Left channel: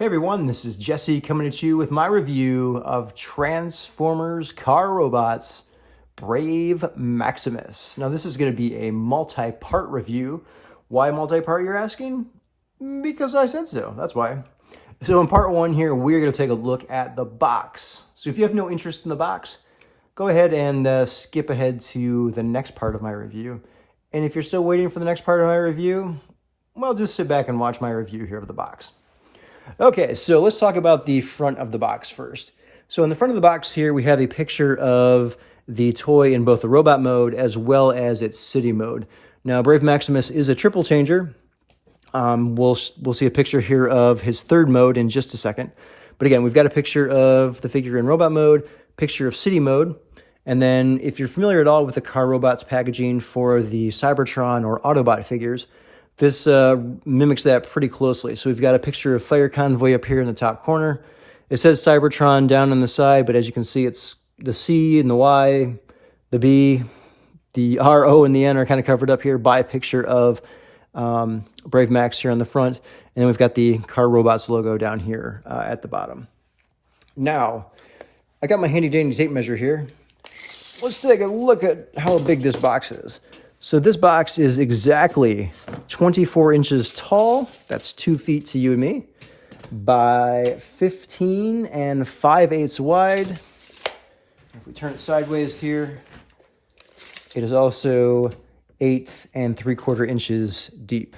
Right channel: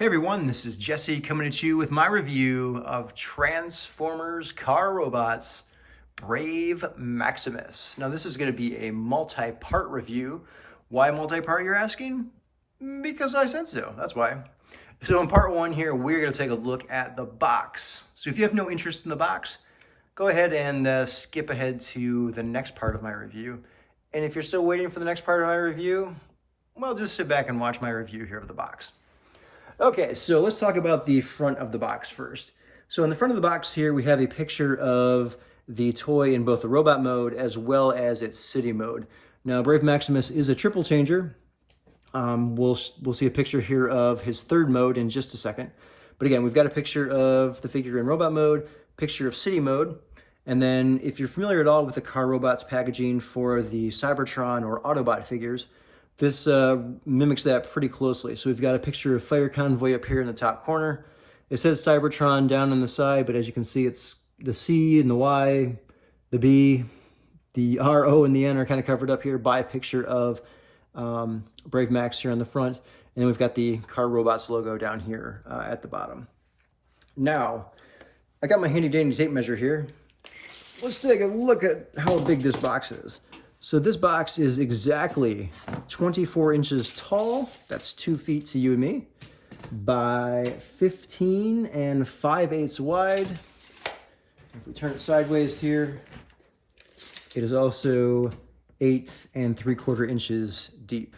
Hey everyone, this is Jesse coming at you with my review of Transformers Car Robots Brave Maximus. Now this is going to be a multi-part review. Why multi-part, you're asking? Because I said so, that's why. So in part one here, we're going to take a look at the box. So if you have no interest in the box, go ahead and skip ahead to the next part of my review. And if you're still waiting for the next part of my review, well, just sit back and watch my review here of the box. Okay, so let's talk about the front of the box first. So in the front of the box here, we have a picture of the toy in both the robot mode as well as its city mode. Now, Brave Maximus is a triple changer. We'll see a picture here of his third mode in just a second. But again, we've got a picture of the figure in robot mode, picture of city mode, and then if you're familiar at all with the Car Robots packaging for the Cybertron or Autobot figures, this mimics that pretty closely. So we've got a picture of Fire Convoy up here in the top corner. It says Cybertron down on the side, but as you can see, it's the C and the Y, the B, the R, O, and the N are kind of covered up here by a picture of Brave Max here on the front. And then we've got the Car Robots logo down here at the bottom. Now, I got my handy dandy tape measure here. Let's take a look at how big this box is. So this box is exactly 24 inches tall, that's 2 feet to you and me, by 15 and 5/8 wide. If we turn it sideways here, it is also 8 3/4 inches deep.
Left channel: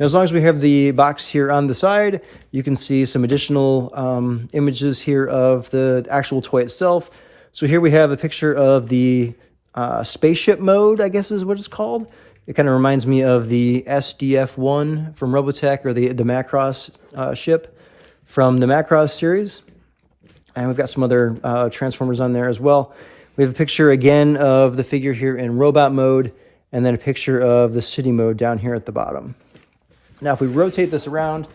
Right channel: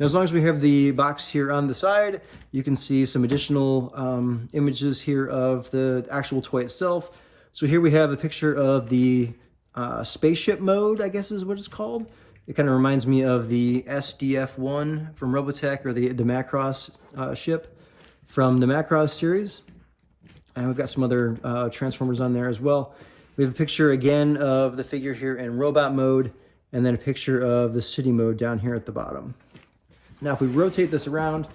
Now, as long as we have the box here on the side, you can see some additional images here of the actual toy itself. So here we have a picture of the Spaceship Mode, I guess is what it's called. It kind of reminds me of the SDF-1 from Robotech, or the Macross ship from the Macross series. And we've got some other Transformers on there as well. We have a picture again of the figure here in robot mode, and then a picture of the city mode down here at the bottom. Now, if we rotate this around,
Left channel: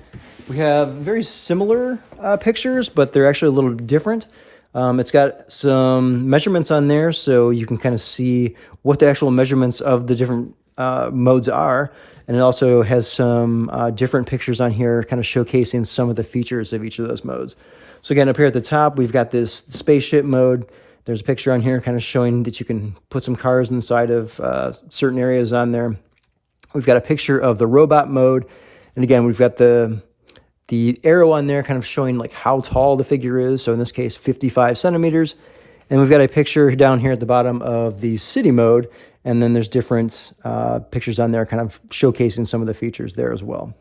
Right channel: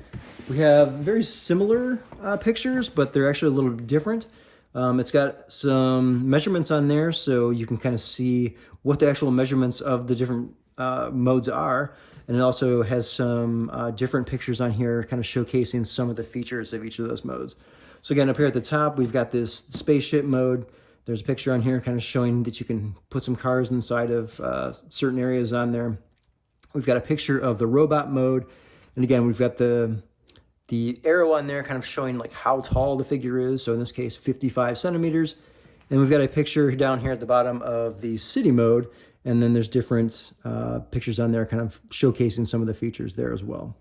we have very similar pictures, but they're actually a little different. It's got some measurements on there, so you can kind of see what the actual measurements of the different modes are. And it also has some different pictures on here, kind of showcasing some of the features of each of those modes. So again, up here at the top, we've got this spaceship mode. There's a picture on here kind of showing that you can put some cars inside of certain areas on there. We've got a picture of the robot mode. And again, we've got the arrow on there kind of showing like how tall the figure is. So in this case, 55 centimeters. And we've got a picture down here at the bottom of the city mode. And then there's different pictures on there kind of showcasing some of the features there as well.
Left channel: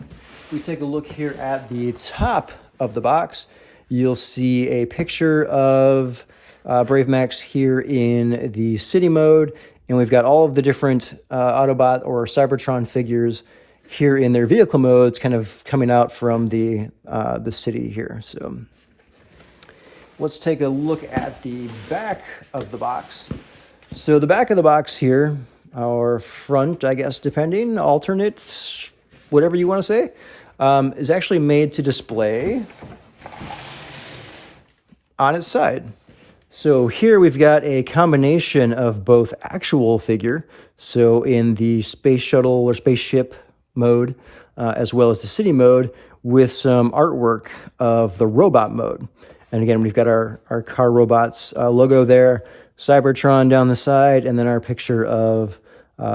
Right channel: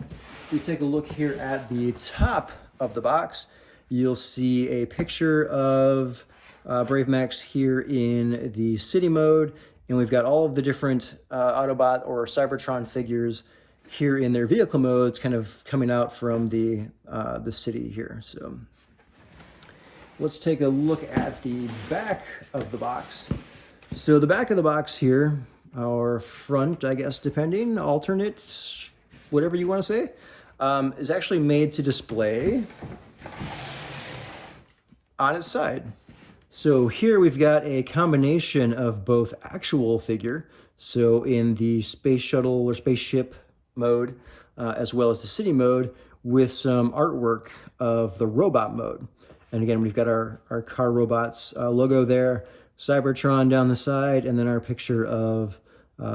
If we take a look here at the top of the box, you'll see a picture of Brave Max here in the city mode. And we've got all of the different Autobot or Cybertron figures here in their vehicle modes kind of coming out from the city here. So let's take a look at the back of the box. So the back of the box here, or front, I guess, depending, alternate, whatever you want to say, is actually made to display on its side. So here we've got a combination of both actual figure, so in the space shuttle or spaceship mode, as well as the city mode, with some artwork of the robot mode. And again, we've got our Car Robots logo there, Cybertron down the side, and then our picture of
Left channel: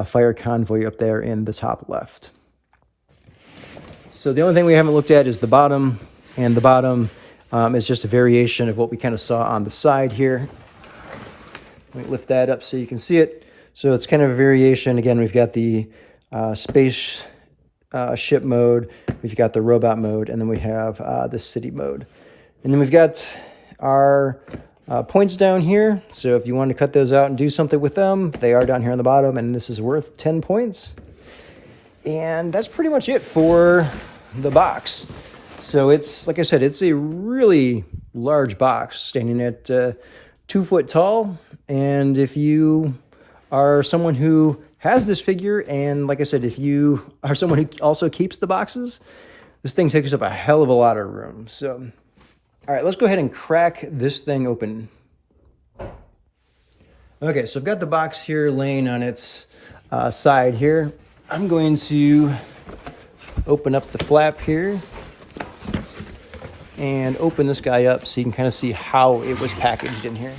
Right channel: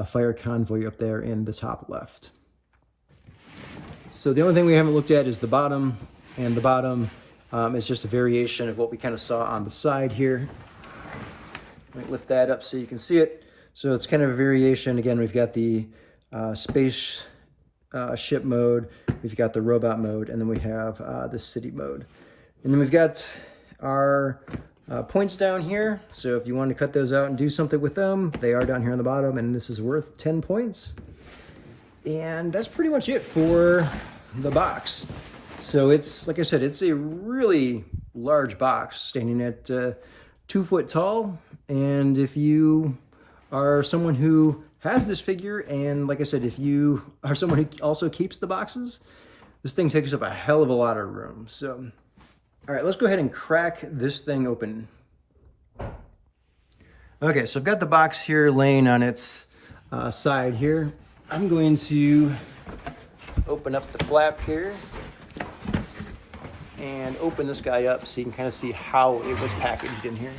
Fire Convoy up there in the top left. So the only thing we haven't looked at is the bottom, and the bottom is just a variation of what we kind of saw on the side here. Let me lift that up so you can see it. So it's kind of a variation. Again, we've got the space ship mode, we've got the robot mode, and then we have the city mode. And then we've got our points down here. So if you want to cut those out and do something with them, they are down here on the bottom, and this is worth 10 points. And that's pretty much it for the box. So it's, like I said, it's a really large box, standing at 2 foot tall. And if you are someone who has this figure, and like I said, if you are someone who also keeps the boxes, this thing takes up a hell of a lot of room. So, all right, let's go ahead and crack this thing open. Okay, so I've got the box here laying on its side here. I'm going to open up the flap here and open this guy up so you can kind of see how it was packaged in here.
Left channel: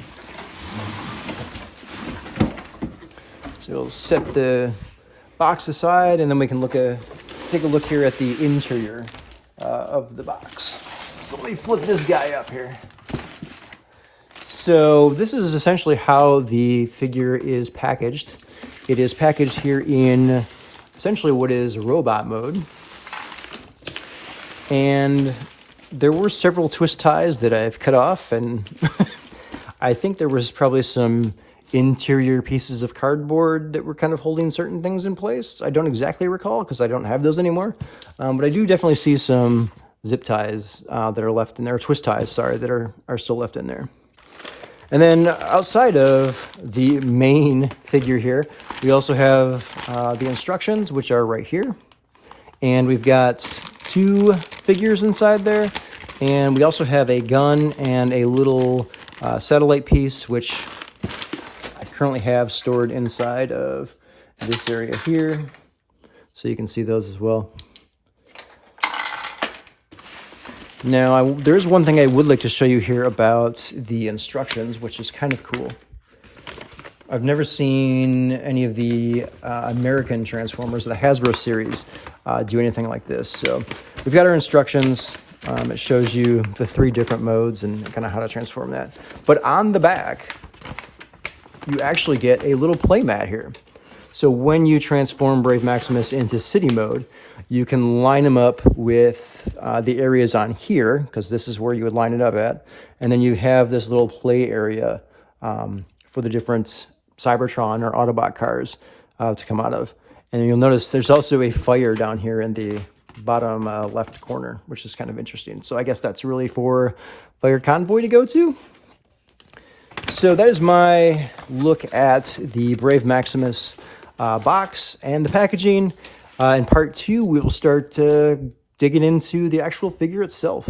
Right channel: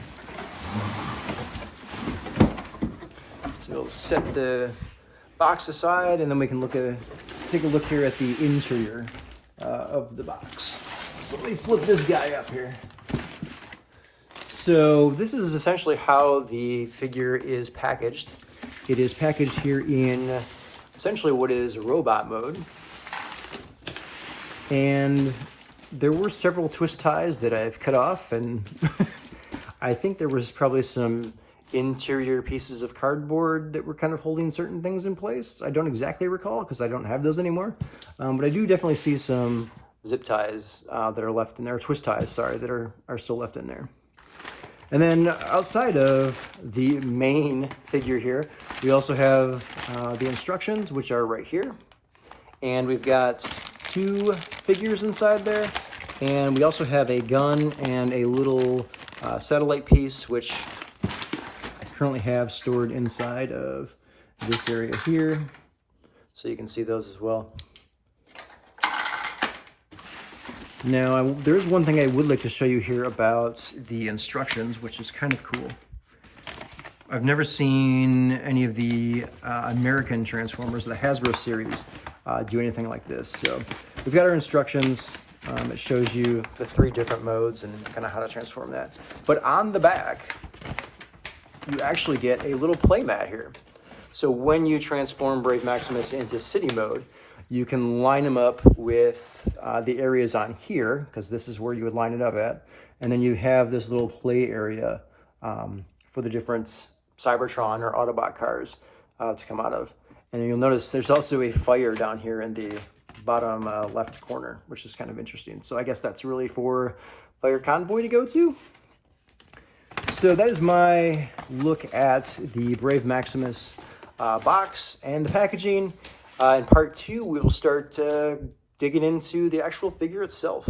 So we'll set the box aside, and then we can take a look here at the interior of the box. So let me flip this guy up here. So this is essentially how the figure is packaged. It is packaged here in essentially what is robot mode. And there were several twist ties that I've cut off, and I think there was probably some interior pieces of cardboard that were kind of holding certain things in place. I don't exactly recall because I don't have those anymore. But I do definitely see some zip ties that are left in there, twist ties, sorry, that are still left in there. And then outside of the main figure here, we also have the instructions, which are right here. And we've got 2 figures inside there. And we also have a gun and a little satellite piece, which I currently have stored inside of this area here. So you can see those as well. Now, there's one thing I would like to show you here about the instructions, which is kind of cool. I've never seen any of the American Transformers, the Hasbro series, do anything like this. So we've got our instructions. It shows you the 3 different modes and kind of how to transform that. But on the back, you actually get a little play mat here. So when you transform Brave Maximus into city mode, you can line them up with the areas on here, because this is where you would line it up at. And then you have this little play area for the different Cybertron or Autobot cars to come out of. And you'll notice there's also a fire down here in the bottom left corner, which is kind of interesting. So I guess that's really for Fire Convoy to go to. So that is my look at the Brave Maximus box and the packaging. In part 2, we will start digging into the actual figure itself.